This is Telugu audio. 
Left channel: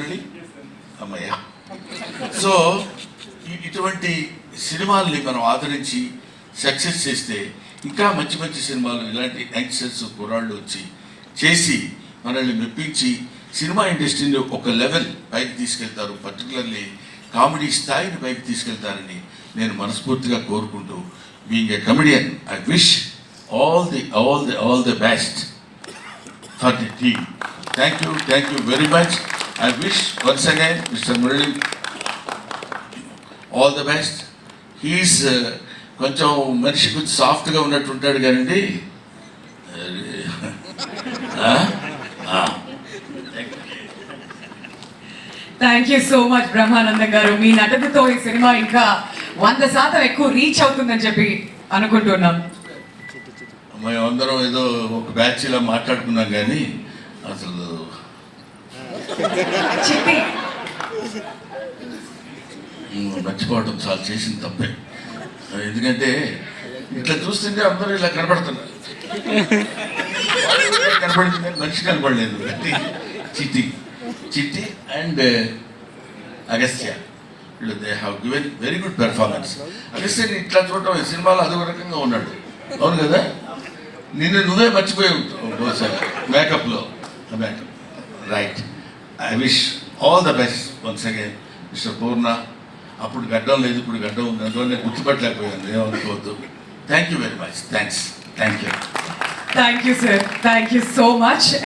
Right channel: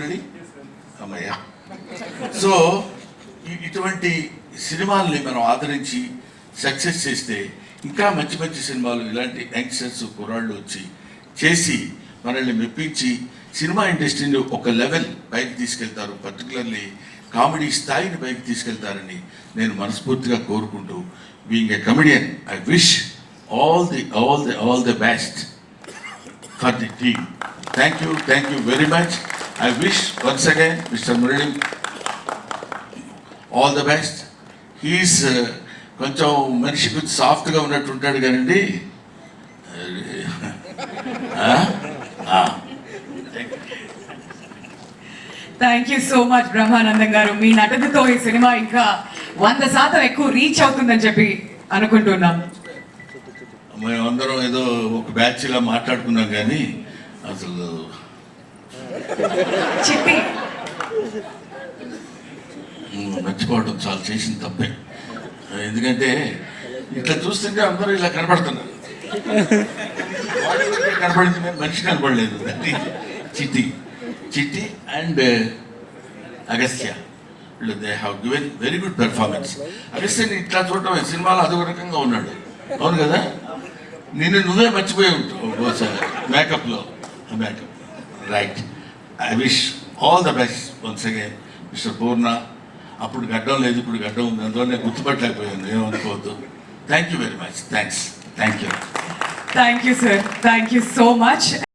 మురళి అమ్మయ్య. సో ఇటువంటి సినిమాల్ని మనం ఆదరించి సక్సెస్ చేస్తే ఇంకా మంచి మంచి సినిమాలు ఇలాంటి యంగ్స్టర్స్ కుర్రాళ్ళు వచ్చి చేసి మనల్ని మెప్పించి సినిమా ఇండస్ట్రీని ఒక లెవెల్ పైకి తీసుకెళ్తారు, పర్టికులర్లీ కామెడీ స్థాయిని పైకి తీసుకెళ్తారని నేను మనస్ఫూర్తిగా కోరుకుంటూ, being a comedian, I wish all the best for the team. Thank you very much. I wish once again Mr. Murali all the best. He is కొంచెం మనిషి కొంచెం సాఫ్ట్గా ఉన్నట్టు ఉంటాడు కానండి. Thank you so much Brahmanandam గారు. మీ నటనతో ఈ సినిమా ఇంకా 100% ఎక్కువ రీచ్ అవుతుందని చెప్పి అనుకుంటున్నాం. మేమందరం ఏదో ఒక బ్యాచ్ ఇలా మాట్లాడుకున్నాం కానీ అసలు చిట్టి మర్చిపోవడం చాలా చేసిన తప్పే. ఎందుకంటే ఇట్లా చూస్తుంటే అందరూ ఇలా కనపడుతున్నారు, కనపడింది మనిషి కనపడలేదు. Chitti and Agastya, they have given very good performance. అగస్త్యని ఇట్లా చూడటం సినిమాలో అదొక రకంగా ఉన్నాడు, అవును కదా? నువ్వే మర్చిపోయి ఉంటావు బహుశా మేకప్లో. Right. I wish all the best once again mister Purna. అప్పుడు గడ్డం లేదు, ఇప్పుడు గడ్డం ఉంది, అందువల్ల గుర్తుపట్టలేకపోయాను, ఏమనుకోవద్దు. Thank you very much. Thank you sir. Thank you so much.